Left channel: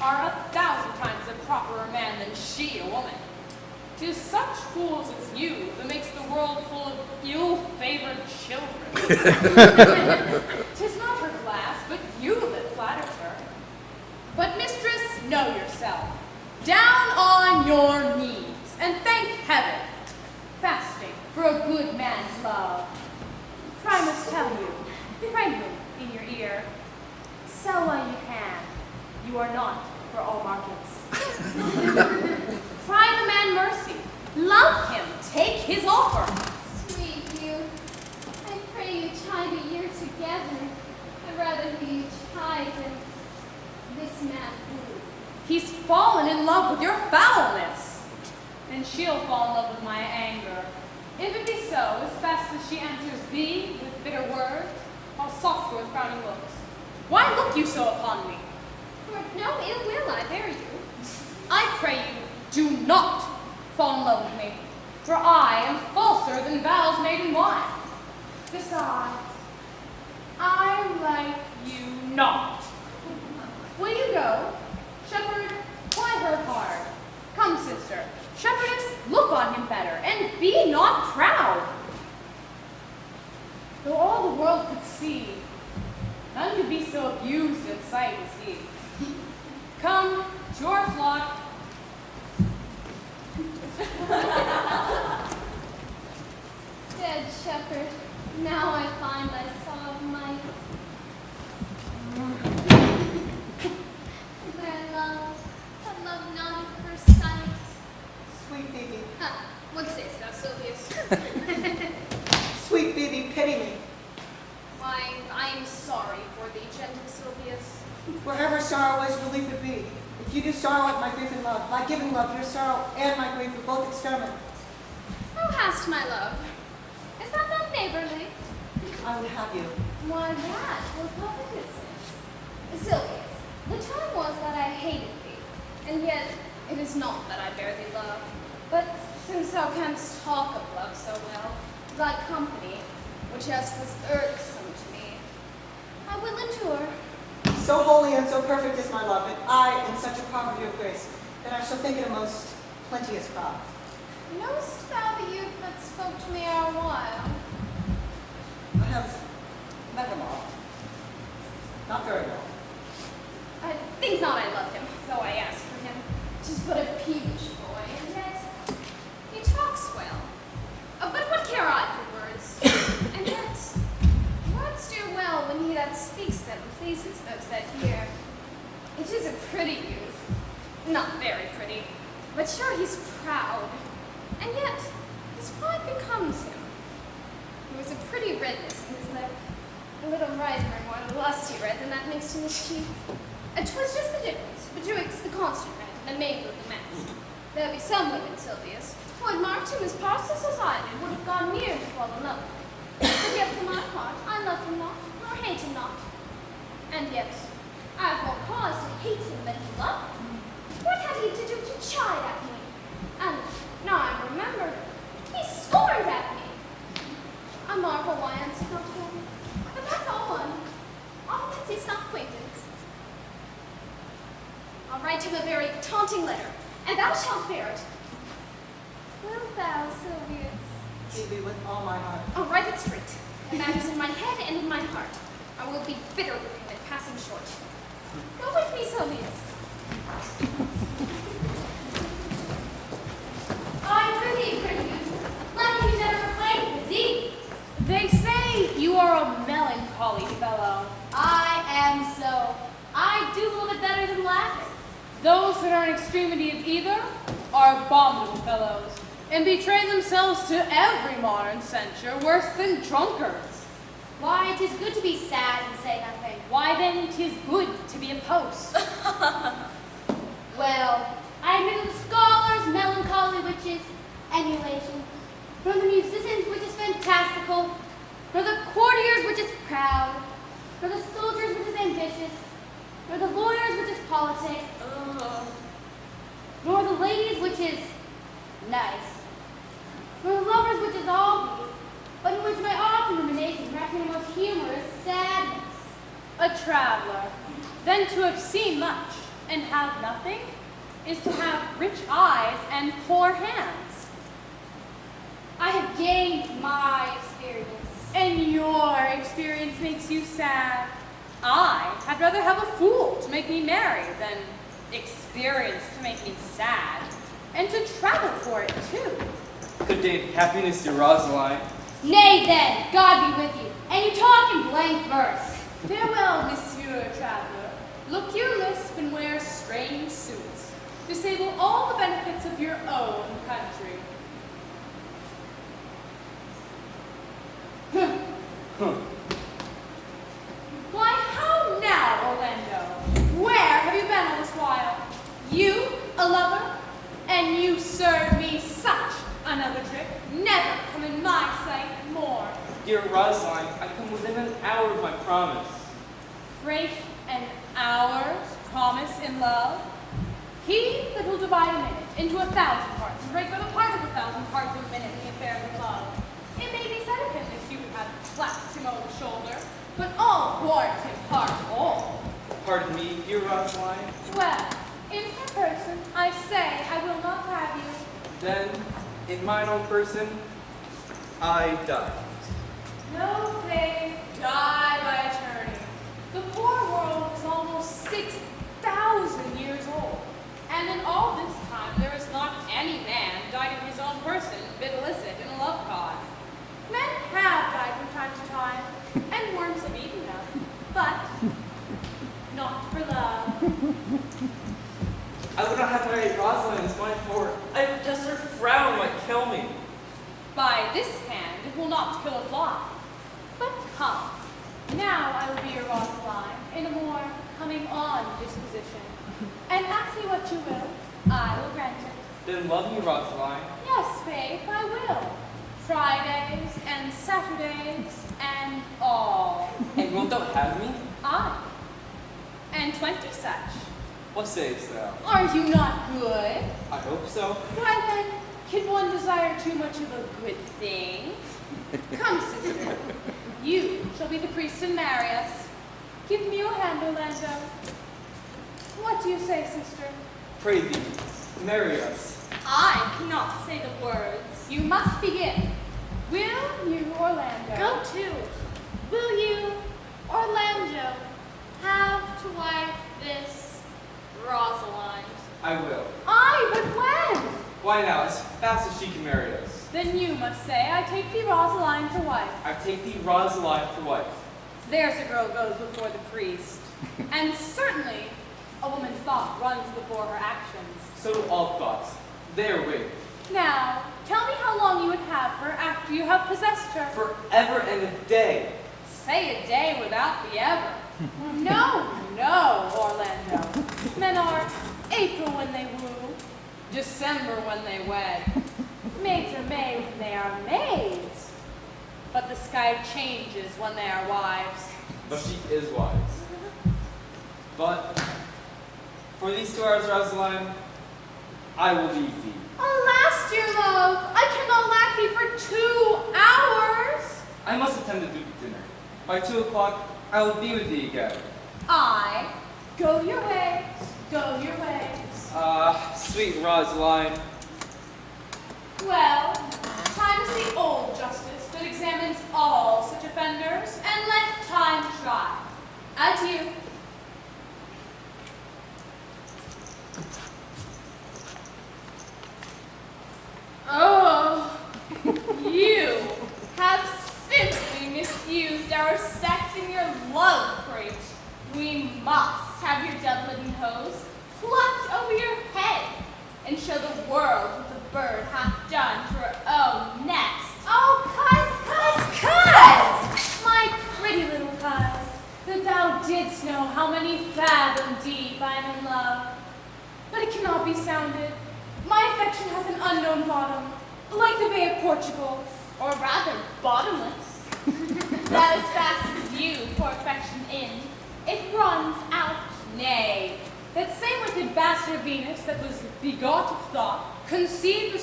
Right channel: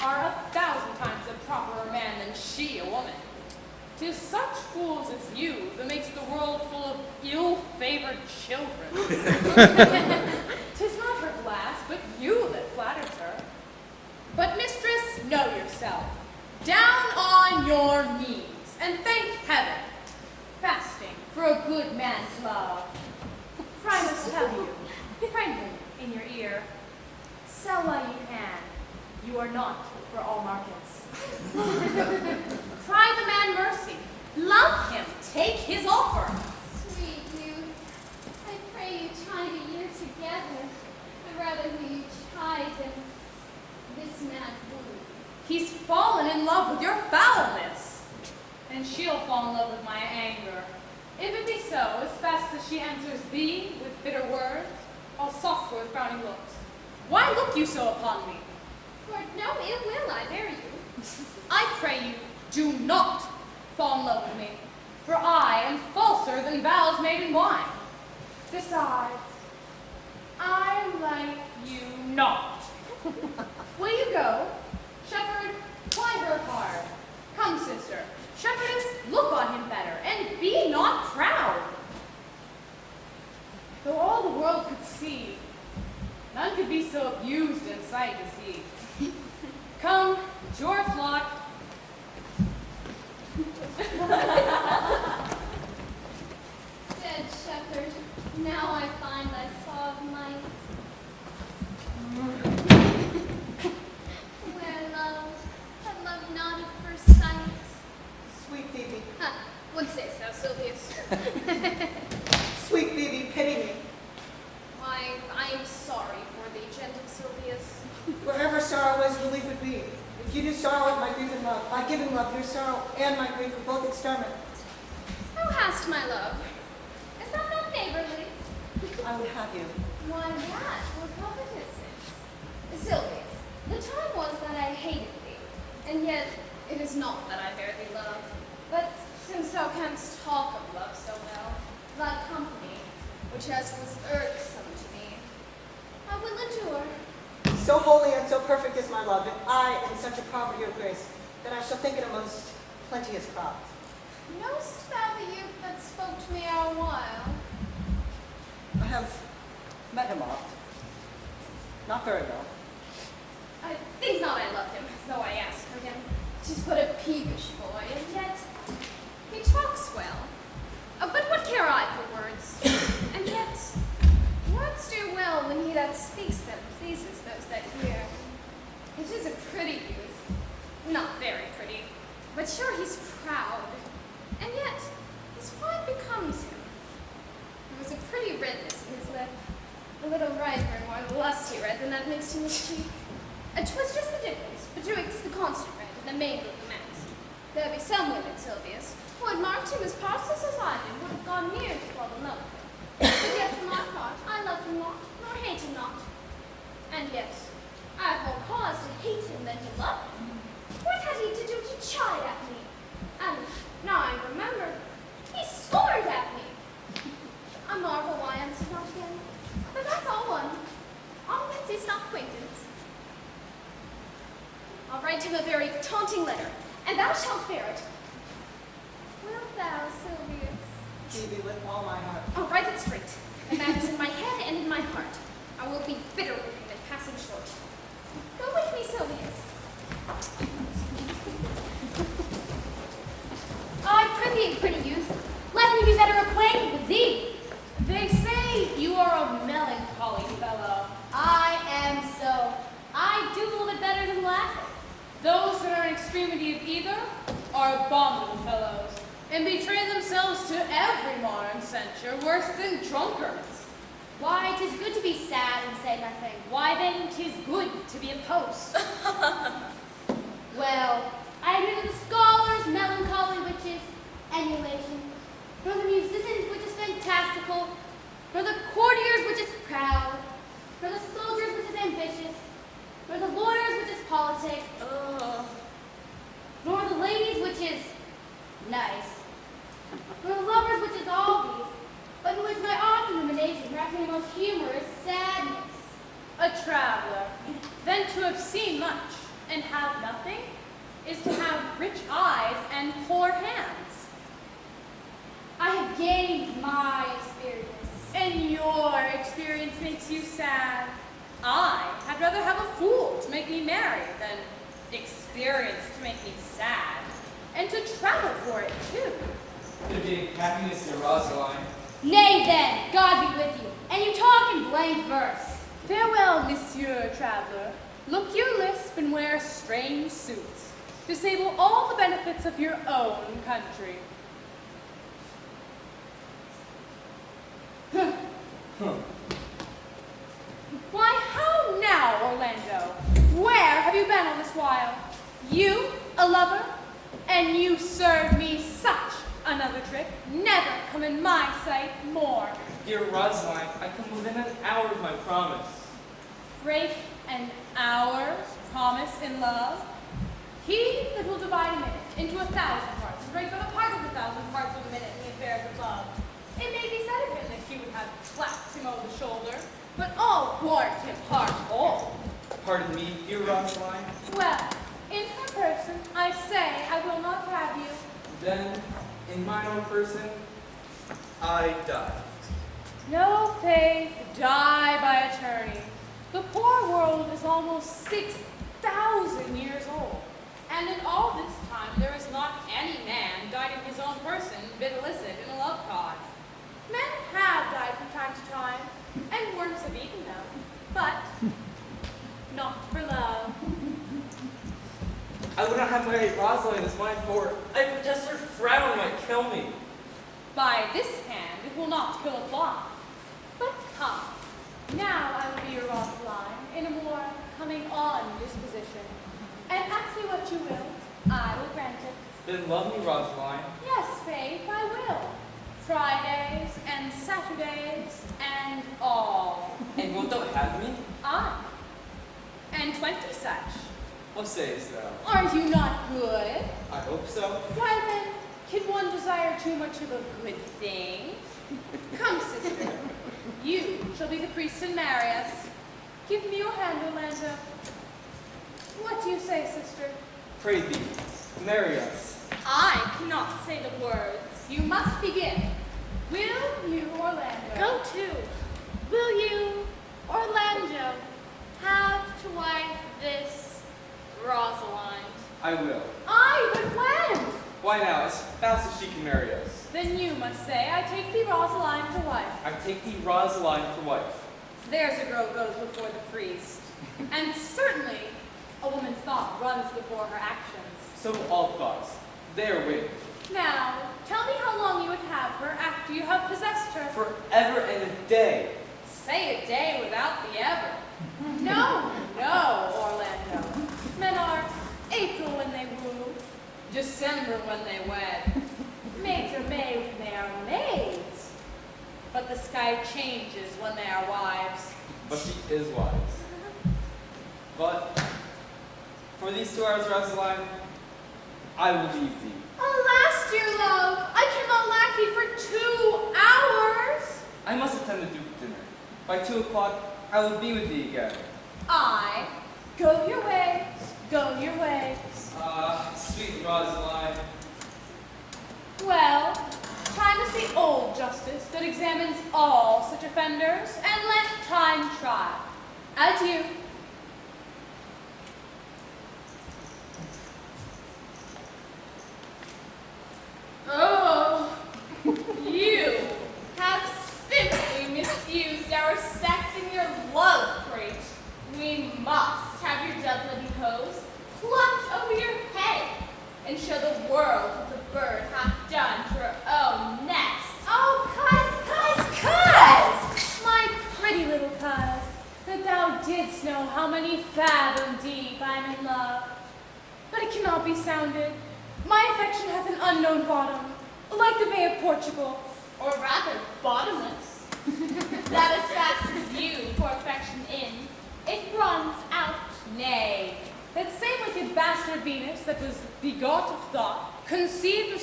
are 1,000 times a properer man than she a woman. 'Tis such fools as you that makes the world full of ill-favored children. 'Tis not her glass, but you that flatters her. But, mistress, know yourself. Down on your knees, and thank heaven, fasting for a good man's love. For I must tell you, friendly in your ear, sell while you can. You are not for all markets. Cry the man mercy. Love him. Take his offer. Sweet youth, I pray you chide a year together. I'd rather hear you chide than this man woo. He's fallen in love with your foulness. And she'll fall in love with my anger. If it be so, as fast as she answers thee with bitter words, I'll soft her with frowning looks. Why look you so upon me? For no ill will I bear you. I pray you, do not fall in love with me, for I am falser than vows made in wine. Besides, I like you not. Will you go? Shepherd, ply her hard. Come, sister, shepherdess, look on him better, and be not proud. Though all the world could see, none could be so abused in sight as he. Come to our flock. Dead shepherd, now I find I saw of might. Where love, but love not at first sight. Sweet Phoebe, Huh, what sayest thou, Silvius? sweet Phoebe, pity me. Why, I am sorry for thee, gentle Silvius. Wherever sorrow is, relief would be. If you do sorrow at my grief and love, by giving love, your sorrow and my grief are both exterminated. Thou hast my love. Is that not neighborly? I would have you. Why that were covetousness. Silvius, the time was that I hated thee, and yet it is not that I bear thee love. But since thou canst talk of love so well, thy company, which as was irksome to me, I will endure. So holy and so perfect is my love, and I in such a poverty of grace, that I shall think it a most plenteous crop. Knowest thou the youth that spoke to me our while? I have met him oft. Not very well. I think not I love him, though I ask for him. 'Tis but a peevish boy, and yet he talks well. But what care I for words? And yet words do well when he that speaks them pleases those that hear. It is a pretty youth, not very pretty, but sure he's proud, and yet his pride becomes him. There was a pretty redness in his lip, a little riper and more lusty red than that mixed in his cheek. 'Twas just the difference betwixt the constant red and the mingled the masked. There be some women, Silvius, who had marked him as parseless as I did, would have gone near to fall in love with him. But yet for my part, I love him not, nor hate him not. And yet, I have more cause to hate him than to love him. What had he to do to chide at me? And now I'm remembered, he scorned at me. I marvel why I answered not again. But that's all one. Offense is not acquaintance. I'll write him a very taunting letter, and thou shalt bear it. Wilt thou, Silvius? Phoebe, with all my heart. I'll write it straight. The matter's in my head and in my heart. I will be bitter with him and pass him short. Go with me, Silvius. I prithee, pretty youth, let me be better acquainted with thee. They say you are a melancholy fellow. I am so. I do a little bit better than laughing. Those that are in extremity of either are abominable fellows, and betray themselves to every modern censure worse than drunkards. Why, 'tis good to be sad and say nothing. Why then, 'tis good to be a post. Well, I am neither the scholars, melancholy, which is emulation, nor the musicians, which is fantastical, nor the courtiers, which is proud, nor the soldiers, which is ambitious, nor the lawyers, which is politic, nor the ladies, which is nice, nor the lovers, which is all these, but in which my often ruminations wrap me in most humorous sadness. A traveler, then to have seen much, and have nothing is to have rich eyes and poor hands. I have gained my experience. And your experience makes you sad. I'd rather have a fool to make me merry than experience to make me sad, and to travel for it too. Good day, happiness to Rosaline. Nay then, God be with you, and you talk in blank verse. Farewell, Monsieur Traveler. Look your lisp and wear strange suits. Disable all the benefits of your own country. Why, how now, Orlando? Where have you been all this while? You, a lover? And you served me such another trick. Never come in my sight more. Dear Rosaline, I come within an hour of my promise. Break an hour's promise in love? He that will divide a minute into 1,000 parts and break by the part of 1,000 parts of a minute in the affairs of love. It may be said of him that he would have clapped him over the shoulder, but all warrant him heart whole. Pardon me, dear Rosaline. Well, in her person, I say I will not have you. Then, in mine own person, I die. No faith, die by attorney. The poor world is almost 6,000 years old. And in all this time, there is not any man died in his own person, been illicit in a love cause. Men have died from time to time, and worms have eaten them, but not for love. I would not have married Rosaline as mine, for I protest her frown might kill me. By this hand, it will not kill a fly. But come, now I will be your Rosaline in a more coming-on disposition. And ask me what you will, I will grant it. Then love me, Rosaline. Yes, Faith, I will. Fridays and Saturdays and all. And wilt thou have me? Aye. And 20 such. What sayest thou? Are you not good? I hope so. Why then, can one desire too much of a good thing? Come, sister. You shall be the priest and marry us. Give me your hand, Orlando. What do you say, sister? Pray thee, marry us. I cannot say the words. You must begin. Will you, Orlando? Go to. Will you, Orlando, have to wife this Rosalind? I will. Aye, but when? Why now, as fast as she can marry us. Then you must say, I take thee Rosaline for wife. I take thee Rosaline for wife. There's a girl goes before the priest. And certainly, a woman's thought runs before her actions. So do all thoughts. They are winged. Now, tell me how long you would have her after you have possessed her. Forever and a day. Say a day without the ever. No, no, Orlando. Men are April when they woo, December when they wed. Maids are made when they are maids. But the sky changes when they are wives. But she is wise. But for these 2 hours, Rosaline, I will leave thee. Alas, dear love, I cannot lack thee for 2 hours. I must attend the Duke's dinner. By 2 o'clock, I will be with thee again. I go your ways, go your ways. Sweet Rosaline. Well, time is the old justice that examines all such offenders, and let time try. Adieu. Oh, you have simply misused our sex in your love crate. We must have your doublet and hose plucked over your head and show the world what the bird hath done to her own nest. Oh, cuz, my pretty little cuz, that thou didst know how many fathom deep I'm in love. But it cannot be sounded. My affection hath an unknown bottom, like the Bay of Portugal. Or rather, bottomless. That as fast as you pour affection in, it runs out. Nay, that same wicked bastard Venus that was begot of thought, conceived of